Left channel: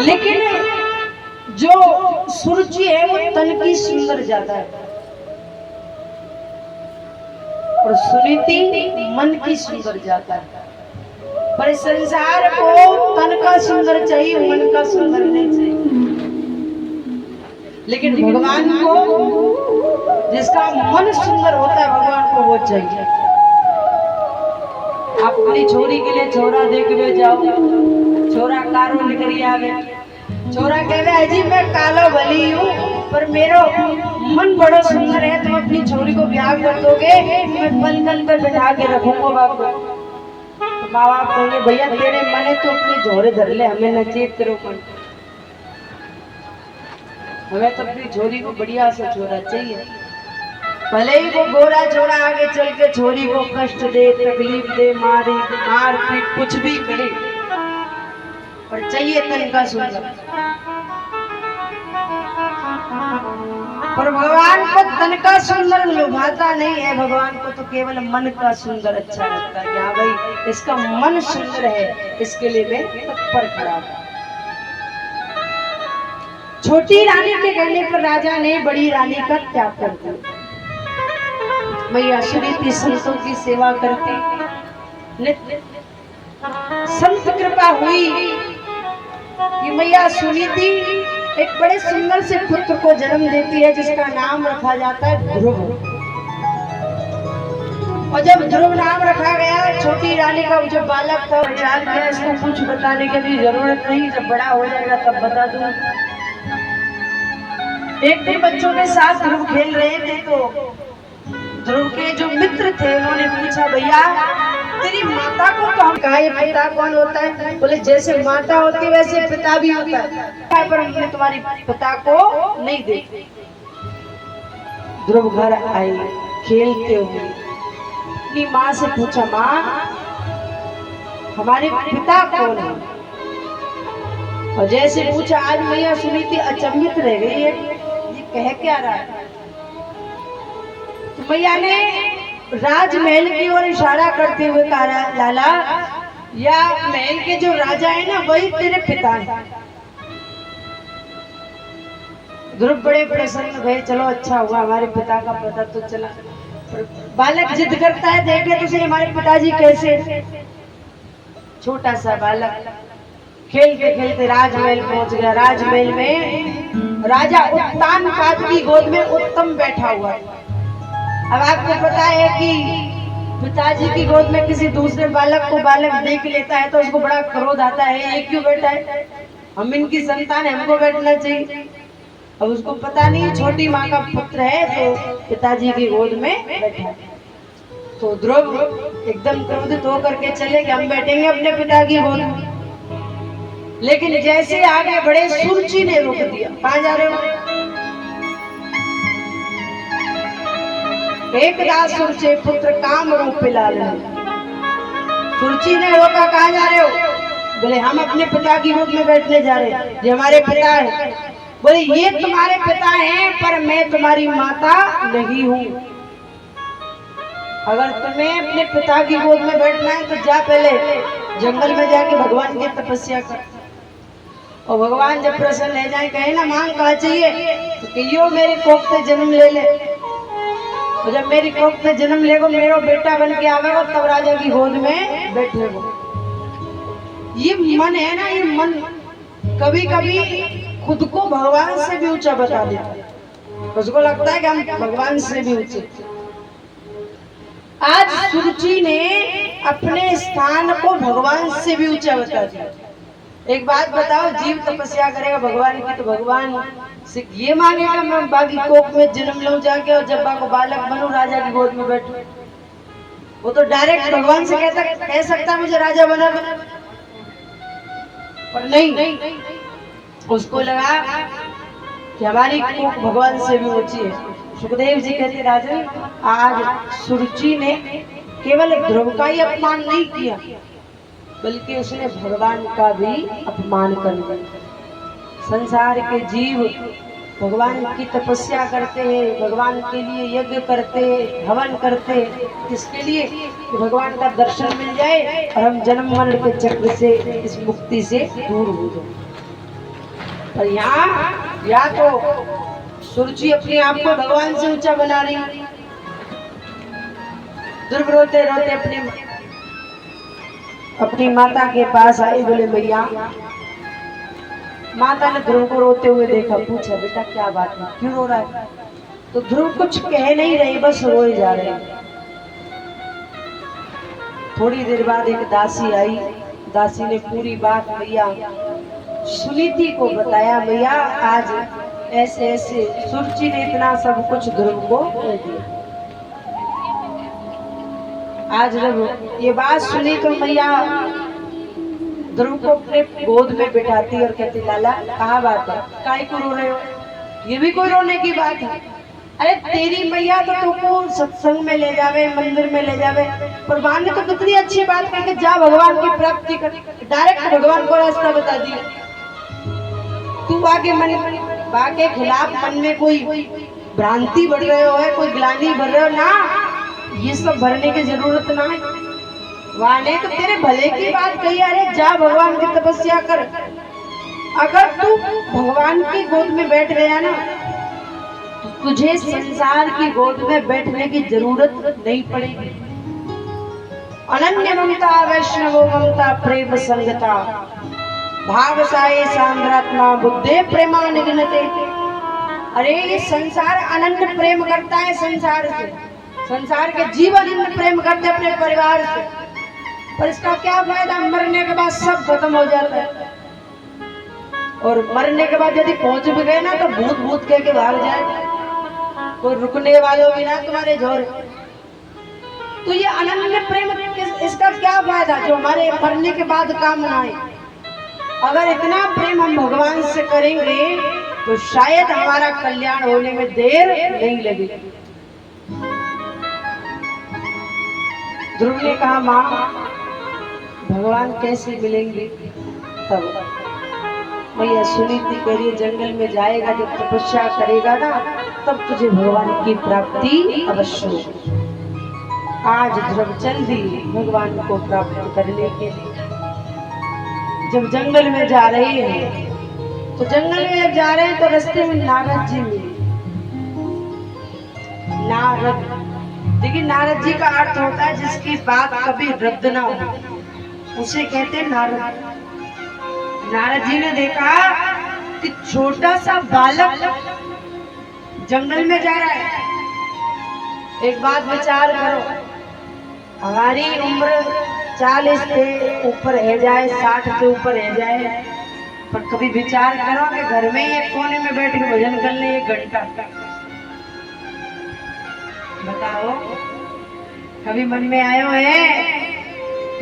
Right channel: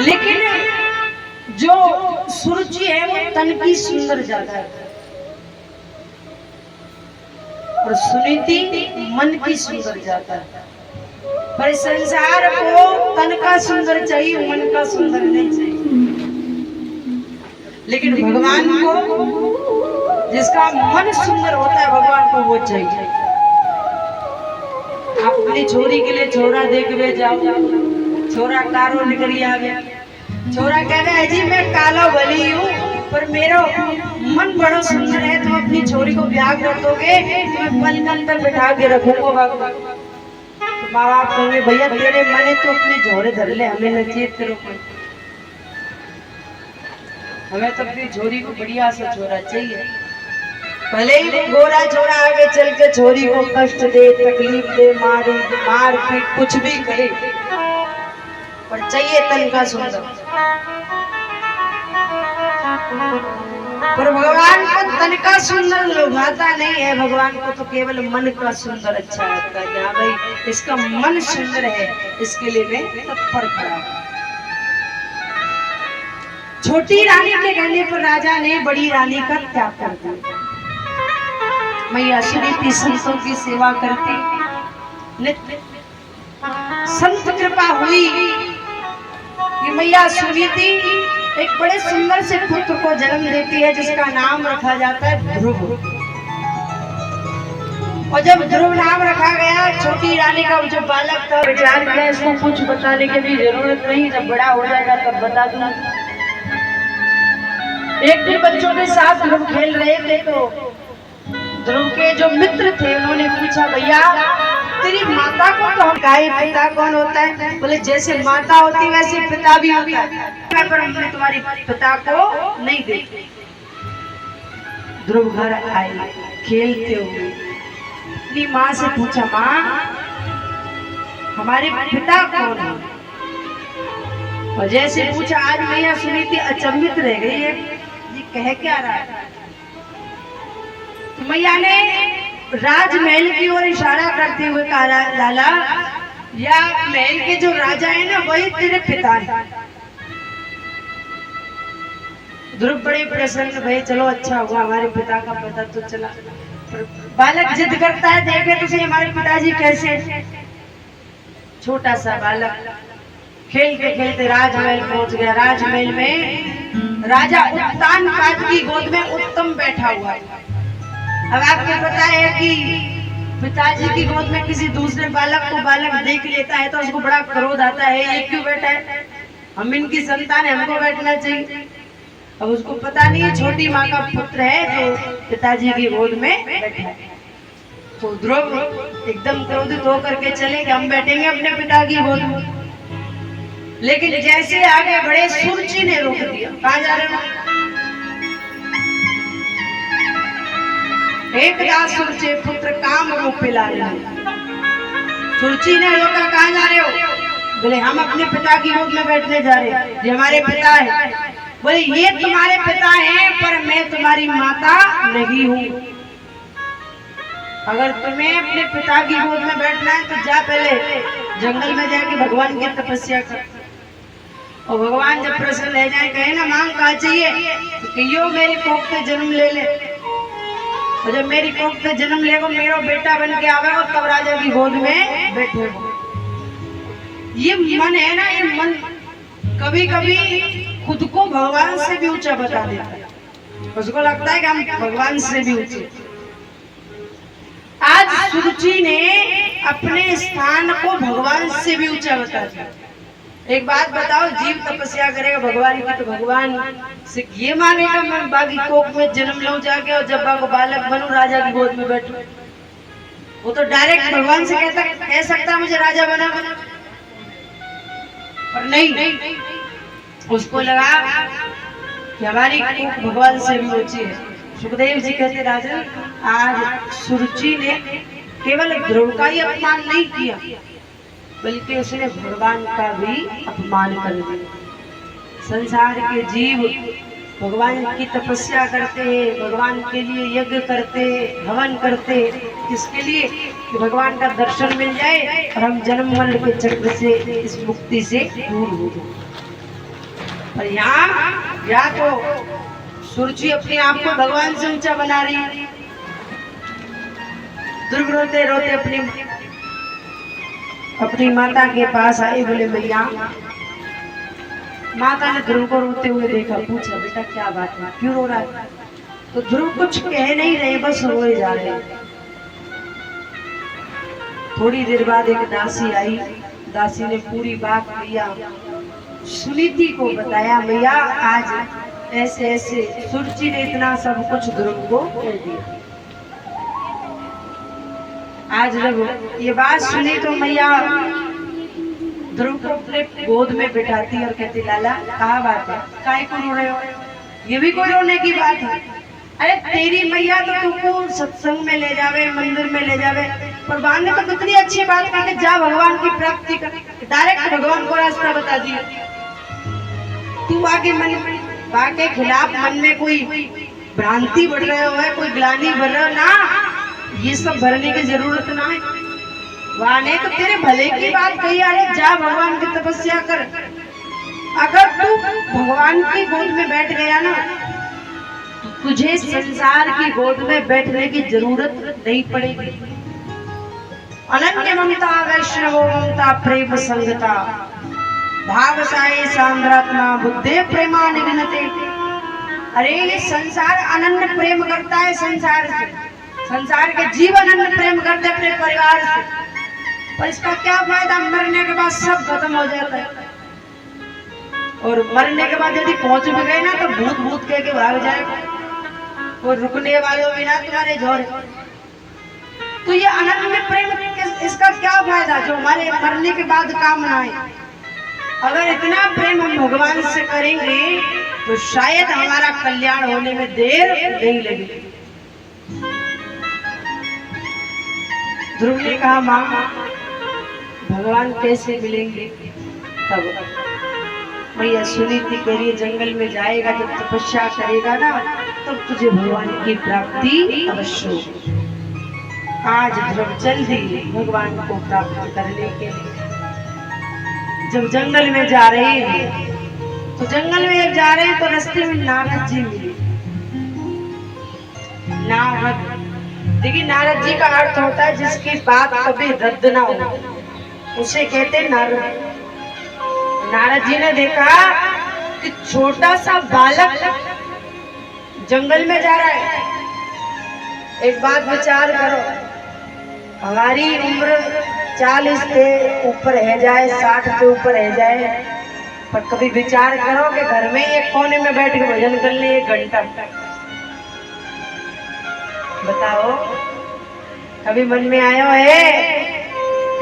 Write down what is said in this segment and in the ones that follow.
लेकिन जो सुरुचि है वो तन की सुंदर ज्यादा है और सुनीति मन की सुंदर ज्यादा है। पर संसार को तन का सुंदर चाहिए, मन का सुंदर नहीं चाहिए। लेकिन भगवान को जिसका मन सुंदर होता है भगवान को वो चाहिए। आप अपनी छोरी के लिए छोरा देखवे जाओ, छोरा कारो निकली आवे, छोरा कहवे जी मैं कालो भली हूँ पर मेरा मन बड़ो सुंदर है, तुम अपनी छोरी को ब्याह कर दोगे तो मैं पलंग पे बैठा के रखूंगा बाबू। तो माँ बाप कहेंगे भैया तेरे मने तो अपने झोरे धर ले, हमें न चेत तेरे मन, हमें तो अपनी छोरी को बढ़िया सा छोरा चाहिए। भले ही वो गोरा छोरा आगे चल के छोरी को कष्ट दे, तकलीफ दे, मार पीट कुछ भी करे, पर चाहिए तन का सुंदर। पर भगवान को तन का सुंदर लुभाता नहीं है, भगवान को तो केवल मन का सुंदर अच्छा लगता है। हाँ भाई इसका मन सुंदर है, इसके लिए मैं तत्पर खड़ा हूं। छोटी रानी के कहने पर राजा ने बड़ी रानी का त्याग कर दिया। मैया सुनीति संतों की सेवा करती, नित्य संत कृपा हुई कि मैया सुनीति एक बड़े सुंदर से पुत्र को जन्म देती है जिसका नाम रखा जाता है ध्रुव। और जब ध्रुव नाम रखा गया, छोटी रानी का जो बालक था विचार किया इसको कुछ बताने की भी जरूरत नहीं, जब बड़ा हो जाएगा तब बता दूंगा। एक दिन बच्चों के साथ ध्रुव खेल रहे थे तो ध्रुव के जो मित्र थे उन्होंने पूछा भैया तेरी माता को तो हम कहे पिता कौन होता है? बोले जैसे माता होती वैसे पिता भी होता है, पर हमने तुम्हारी पिता को नहीं देखा। ध्रुव घर आए खेलते हुए अपनी माँ से पूछा माँ हमारे पिता कौन है? और जैसे पूछा आज मैया सुनीति अचंभित रह गई है, ये कह क्या रहा है? तो मैया ने राजमहल की ओर इशारा करते हुए कहा लाला या महल के जो राजा है ना वही तेरे पिता है। ध्रुव बड़े प्रसन्न भय, चलो अच्छा हुआ हमारे पिता का पता तो चला। बालक जिद करता है देखे तो सही हमारे पिताजी कैसे। छोटा सा बालक खेलते खेलते राजमहल पहुंच गया। राजमहल में राजा उत्तान पाद की गोद में उत्तम बैठा हुआ है। अब आपको पता है कि पिताजी की गोद में किसी दूसरे बालक को बालक देख लेता है तो उसको बड़ा क्रोध आता है, ये क्यों बैठा है, हम इनकी संतान है, हमको बैठना चाहिए। अब उसको पता नहीं छोटी माँ का पुत्र है जो पिताजी की गोद में बैठा है। तो ध्रुव एकदम क्रोधित होकर के चले कि हम बैठेंगे अपने पिता की गोद में। लेकिन जैसे आगे बड़े सुरुचि ने रोक दिया, कहाँ जा रहे हो? एकदा सुरचे पुत्र काम रूप लाल। सुरुचि ने रोका, कहाँ जा रहे हो? बोले हम अपने पिता की गोद में बैठने जा रहे हैं, ये हमारे पिता है। बोले ये तुम्हारे पिता हैं पर मैं तुम्हारी माता नहीं हूँ। अगर तुम्हें अपने पिता की गोद में बैठना है तो जा पहले जंगल में जाके भगवान की तपस्या कर। और भगवान जब प्रसन्न रह जाए कहे ना मांग कहा चाहिए तो कहियो मेरी कोख पे जन्म ले ले। और जब मेरी कोख पे जन्म लेगो मेरा बेटा बन के आवेगा तब राजा की गोद में बैठेगो। ये मन है ना, ये मन कभी कभी खुद को भगवान से भी ऊंचा बता देता है, उसको लगता है कि हम भगवान से भी ऊंचे। आज सुरुचि ने अपने स्थान को भगवान से भी ऊंचा बता दिया। एक बात बताओ, जीव तपस्या करेगा भगवान की तो भगवान से ये मांगेगा मैं बाकी कोख में जन्म लूं जाके और जब को बालक बनूं राजा की गोद में बैठूं? वो तो डायरेक्ट भगवान से कह सकता मुझे राजा बना, पर नहीं, उसको लगा कि हमारी कोख भगवान से भी ऊंची है। सुखदेव जी कहते राजन आज सुरुचि ने केवल ध्रुव का ही अपमान नहीं किया बल्कि उसने भगवान का भी अपमान कर दिया। संसार के जीव भगवान की तपस्या करते हैं, भगवान के लिए यज्ञ करते हैं, हवन करते हैं, किसके लिए? कि भगवान का दर्शन मिल जाए और हम जन्म मरण के चक्र से, इस मुक्ति से दूर हो जाए। पर यहाँ या तो सुरुचि अपने आप को भगवान से ऊंचा बना रही, ध्रुव रोते रोते अपनी माता के पास आए, बोले भैया। माता ने ध्रुव को रोते हुए देखा, पूछा बेटा क्या बात है, क्यों रो रहा है? तो ध्रुव कुछ कह नहीं रहे, बस रोए जा रहे। थोड़ी देर बाद एक दासी आई, दासी ने पूरी बात भैया सुनीति को बताया, भैया आज ऐसे ऐसे सुरुचि ने इतना सब कुछ ध्रुव को कह दिया। आज जब ये बात सुनी तो मैया ध्रुव को अपने गोद में बिठाती और कहती, लाला कहाँ बात है, काय को रो रहे हो? ये भी कोई रोने की बात है? अरे तेरी मैया तो तुमको सत्संग में ले जावे, मंदिर में ले जावे, पर भगवान ने तो कितनी अच्छी बात कही, जा भगवान की प्राप्ति कर, डायरेक्ट भगवान को रास्ता बता दिया। तू आगे मन बा के खिलाफ मन में कोई भ्रांति बढ़ रहे हो है, कोई ग्लानि बढ़ रहे हो ना, ये सब भरने की जरूरत ना है। वहां ने तो तेरे भले की बात कही, अरे जा भगवान की तपस्या कर। अगर तू भगवान की गोद में बैठ गया ना, तो तुझे संसार की गोद में बैठने की जरूरत नहीं पड़ेगी। अनन्य ममता वैष्णवो ममता प्रेम संगता भाव साये सांद्रात्मा बुद्धे प्रेमा निघ्नते। अरे ये संसार अनन्य प्रेम करता है संसार से, संसार के जीव अनन्य प्रेम करते अपने परिवार से, पर इसका क्या फायदा? मरने के बाद सब खत्म हो जाता है, और मरने के बाद यदि पहुंच भी गए ना तो भूत भूत कह के भाग जाएगा, कोई रुकने वालों भी ना तुम्हारे जोर। तो ये अनन्य प्रेम इसका क्या फायदा जो हमारे मरने के बाद काम ना आए? अगर इतना प्रेम हम भगवान से करेंगे तो शायद हमारा कल्याण होने में देर नहीं लगेगी। ध्रुव ने कहा, माँ भगवान कैसे मिलेंगे? तब भैया सुनीति कह रही, जंगल में जाएगा, जब तपस्या करेगा ना, तब तुझे भगवान की प्राप्ति अवश्य होगी। आज ध्रुव चल दी भगवान को प्राप्त करने के लिए। जब जंगल में जा रहे हैं, तो जंगल में जब जा रहे हैं तो रास्ते में नारद जी मिले। नारद, देखिए नारद जी का अर्थ होता है जिसकी बात कभी रद्द ना हो, उसे कहते हैं नारद। नारद जी ने देखा कि छोटा सा बालक जंगल में जा रहा है। एक बात विचार करो, हमारी उम्र 40 से ऊपर है जाए, 60 से ऊपर है जाए, पर कभी विचार करो कि घर में एक कोने में बैठ के भजन कर ले 1 घंटा, बताओ कभी मन में आयो है?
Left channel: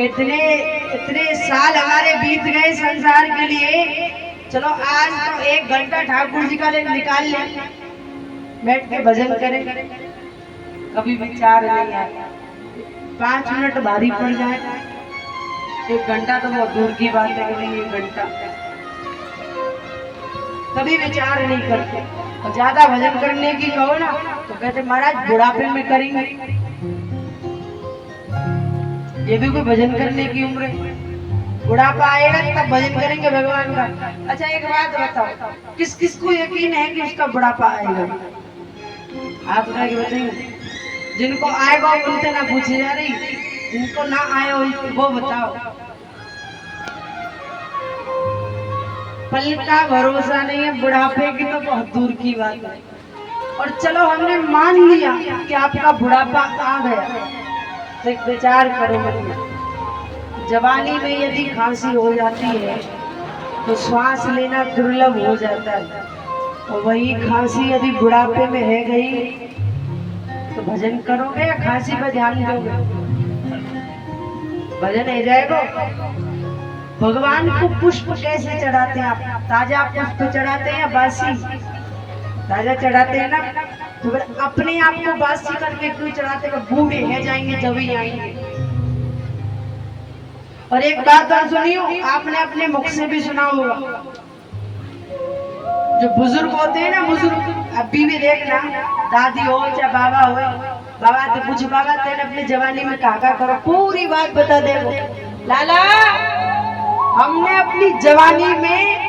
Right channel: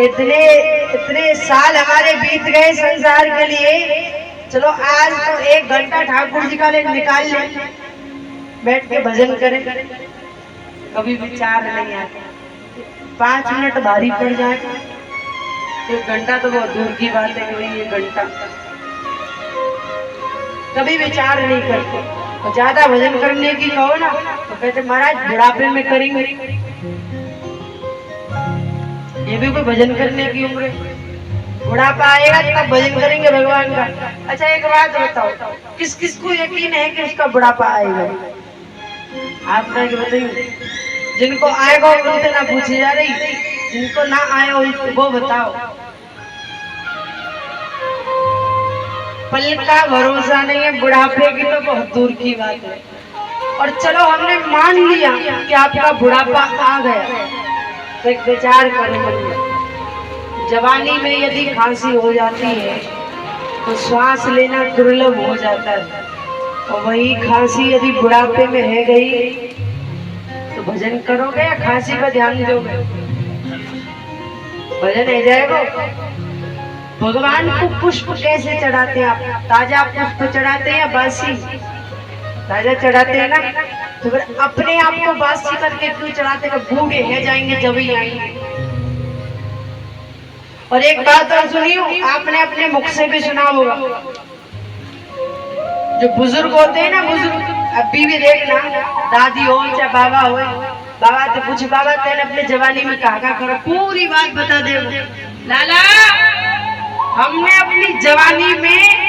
इतने साल हमारे बीत गए संसार के लिए, चलो आज तो 1 घंटा ठाकुर जी का निकाल ले, बैठ के भजन करें। कभी विचार नहीं आया। 5 मिनट भारी पड़ जाए, 1 घंटा तो बहुत दूर की बात है, कभी 1 घंटा कभी विचार नहीं करते। और ज्यादा भजन करने की कहो ना तो कहते महाराज बुढ़ापे में करेंगे, ये भी कोई भजन करने की उम्र है? बुढ़ापा आएगा तब भजन करेंगे भगवान का। अच्छा एक बात बताओ, किस किस को यकीन है कि उसका बुढ़ापा आएगा? आप बताइए। जिनको आएगा उनसे ना पूछी जा रही, जिनको ना आए वो बताओ। पल का भरोसा नहीं है, बुढ़ापे की तो बहुत दूर की बात है। और चलो हमने मान लिया कि आपका बुढ़ापा आ गया, तो एक विचार करो, जवानी में यदि खांसी हो जाती है तो श्वास लेना दुर्लभ हो जाता है, और वही खांसी यदि बुढ़ापे में है गई तो भजन करोगे या खांसी पर ध्यान दोगे? भजन है जाएगा। भगवान को पुष्प कैसे चढ़ाते हैं आप? ताजा पुष्प चढ़ाते हैं या बासी? ताजा चढ़ाते हैं ना, तो फिर अपने आप को बासी करके क्यों चढ़ाते हैं? बूढ़े है जाएंगे जब ही आएंगे। और एक बात और सुनियो, आपने अपने मुख से भी सुना होगा, जो बुजुर्ग होते हैं ना, बुजुर्ग, अभी भी देखना, दादी हो चाहे बाबा हो, बाबा तो पूछ, बाबा तेने अपने जवानी में कहा करो, पूरी बात बता दे। लाला, हमने अपनी जवानी में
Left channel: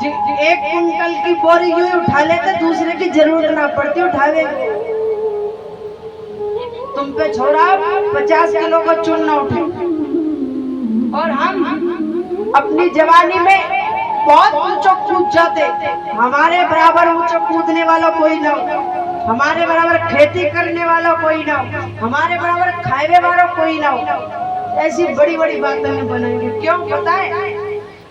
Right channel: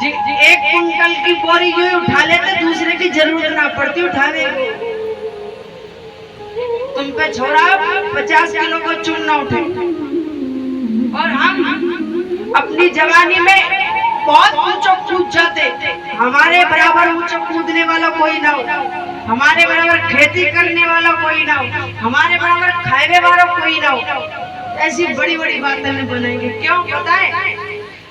एक कुंटल की बोरी यूं उठा लेते, दूसरे की जरूरत ना पड़ती उठावे। तुम पे छोड़ा 50 किलो को चून ना उठे। और हम अपनी जवानी में बहुत ऊंचा कूद जाते, हमारे बराबर ऊंचा कूदने वाला कोई ना हो, हमारे बराबर खेती करने वाला कोई ना हो, हमारे बराबर खाए वाला कोई ना हो। ऐसी बड़ी बड़ी बातें नहीं बनाएंगे। क्यों पता है?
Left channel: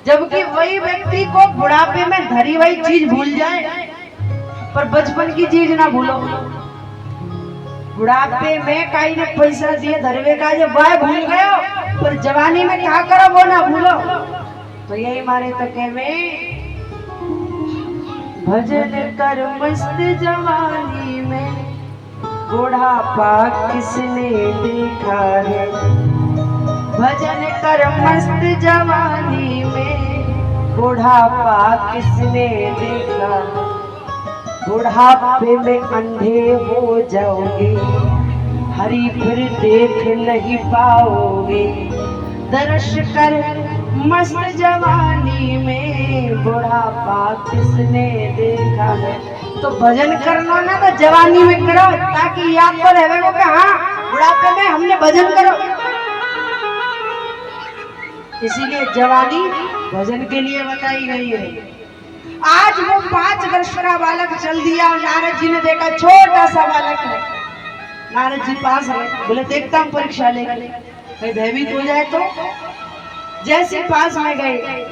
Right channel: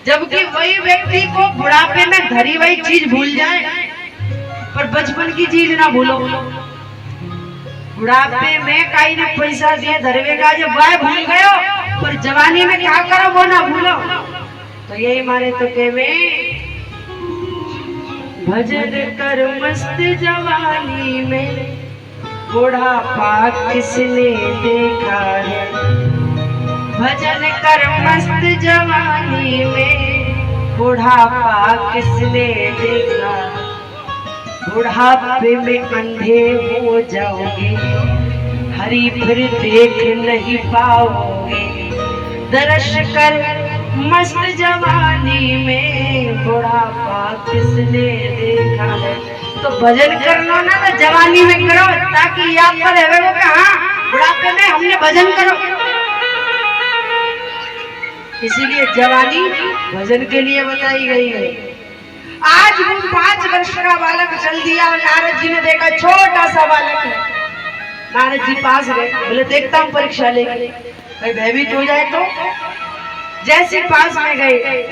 जबकि वही व्यक्ति को बुढ़ापे में धरी वही चीज भूल जाए, पर बचपन की चीज ना भूलो। बुढ़ापे में कई ने पैसा दिए धरवे का, जब वह भूल गयो, पर जवानी में क्या करो वो ना भूलो। तो यही मारे तो कहवे, भजन कर मस्त जवानी में, बुढ़ापा किसने देखा है। भजन कर मस्त जवानी में, बुढ़ापा किसने देखा। बुढ़ापे में अंधे हो जाओगे, हरी फिर देख नहीं पाओगे। दर्श कर मस्त जवानी में, बुढ़ापा किसने देखा है। तो भजन करना ना तो जवानी में करो, ताकि याद तो रहे वो कि हाँ बुढ़ापे में हमने भजन करो। इसीलिए जवानी भजन के लिए बताई गई है। आज वो 5 वर्ष का बालक चल दिया, नारद जी ने देखा छोटा सा बालक है। नारद जी पास गए, बोले देखता हूँ परीक्षा लेके, भाई भयभीत हो जाए तो। जैसे पास में गए,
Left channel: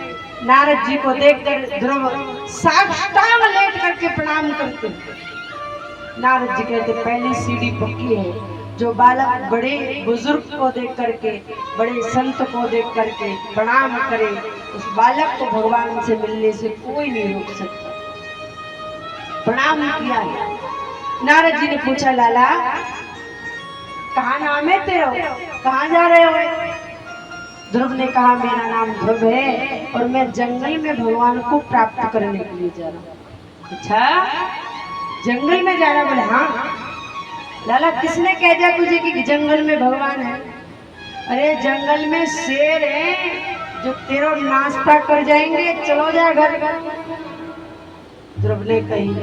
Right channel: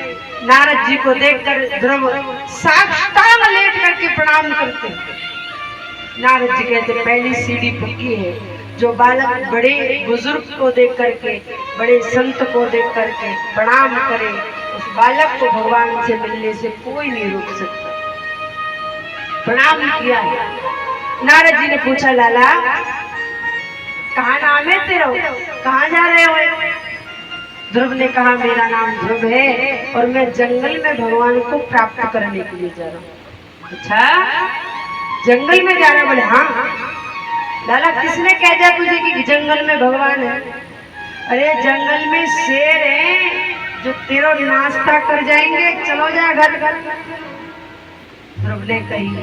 नारद जी को देखकर ध्रुव साष्टांग लेट करके प्रणाम करते। नारद जी कहते पहली सीढ़ी पक्की है। जो बालक बड़े बुजुर्ग को देख करके, बड़े संत को देख करके प्रणाम करे, उस बालक को भगवान से मिलने से कोई नहीं रोक सकता। प्रणाम किया। नारद जी ने पूछा, लाला कहाँ नाम है तेरा, कहाँ जा रहे हो? ध्रुव ने कहा, मेरा नाम ध्रुव है और मैं जंगल में भगवान को प्राप्त करने के लिए जा रहा हूँ। अच्छा, जंगल में जा रहा? बोले हाँ। लाला किसने कह दिया तुझे कि जंगल में भगवान है? अरे जंगल में शेर है जो तेरा नाश्ता कर जाएंगे, चलो जा घर। ध्रुव ने कही,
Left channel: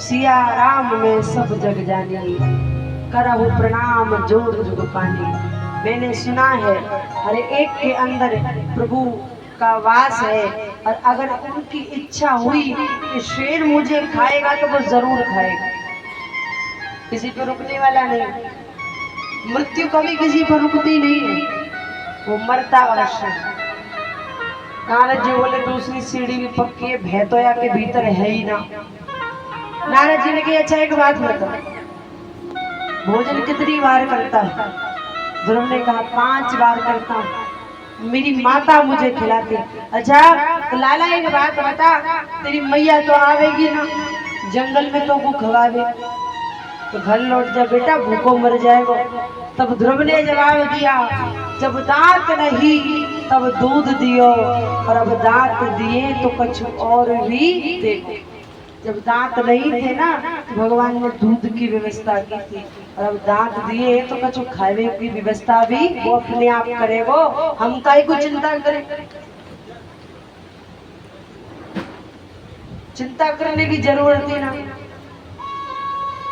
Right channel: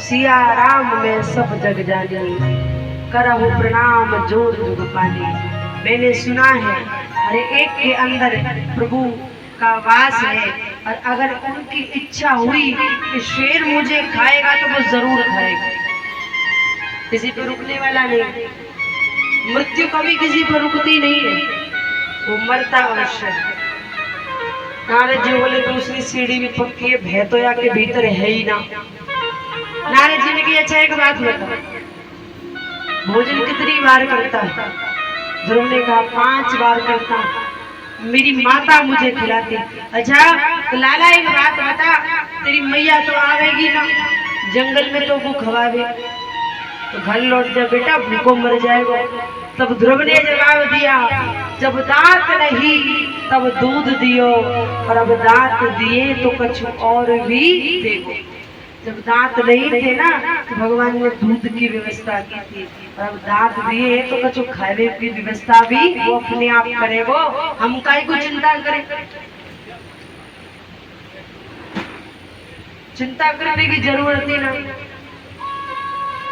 सिया राम में सब जग जानी, करहु प्रणाम जोर जुग पानी। मैंने सुना है हर एक के अंदर प्रभु का वास है, और अगर उनकी इच्छा हुई कि शेर मुझे खाएगा तो वो जरूर खाएगा। किसी पर रुकने वाला नहीं। मृत्यु कभी किसी पर रुकती नहीं है, वो मरता अवश्य। नारद जी बोले दूसरी सीढ़ी भी पक्की है, भय तो या के भीतर है ही ना। नारद जी ने कहा, अच्छा एक बात बता, भोजन कितनी बार करता है? ध्रुव ने कहा 5 बार करता हूँ, मेरी माता मुझे खिलाती। अच्छा तो लाला एक बात बता, तेरी मैया तो आवेगी ना जंगल में, तो वो खवावे, तो घर लौट जा बेटा, भूखों मर जाएगा। तब ध्रुव ने जवाब दिया, जब दांत नहीं तब दूध दियो, और अब दांत दिए तो कुछ और भी देखो। जब दांत नहीं थे ना तो भगवान ने दूध की व्यवस्था की थी, और अब दांत दिए तो कुछ खाने की व्यवस्था भी वो अपने आप करेगो, हम काहे को चिंता करें। चिंता करने की जरूरत ही ना,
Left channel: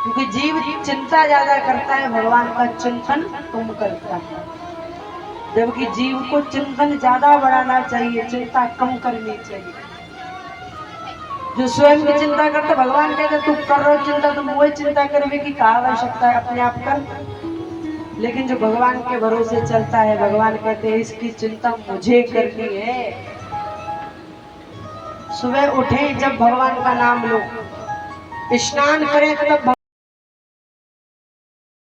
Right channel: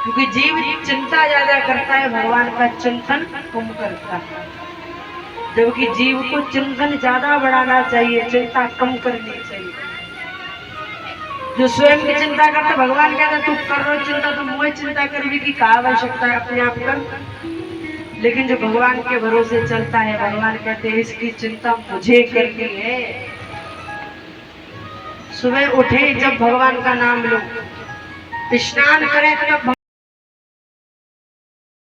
क्योंकि जीव चिंता ज्यादा करता है, भगवान का चिंतन कम करता है। जबकि जीव को चिंतन ज्यादा बढ़ाना चाहिए, चिंता कम करनी चाहिए। जो स्वयं की चिंता करता, भगवान कहता तू कर रहा चिंता, तुम वही चिंता करने की क्या आवश्यकता है, अपने आप कर। लेकिन जो भगवान के भरोसे चलता है, भगवान कहते हैं इसकी चिंता मुझे करनी है। सुबह उठे जब भगवान का नाम लो, स्नान करें तब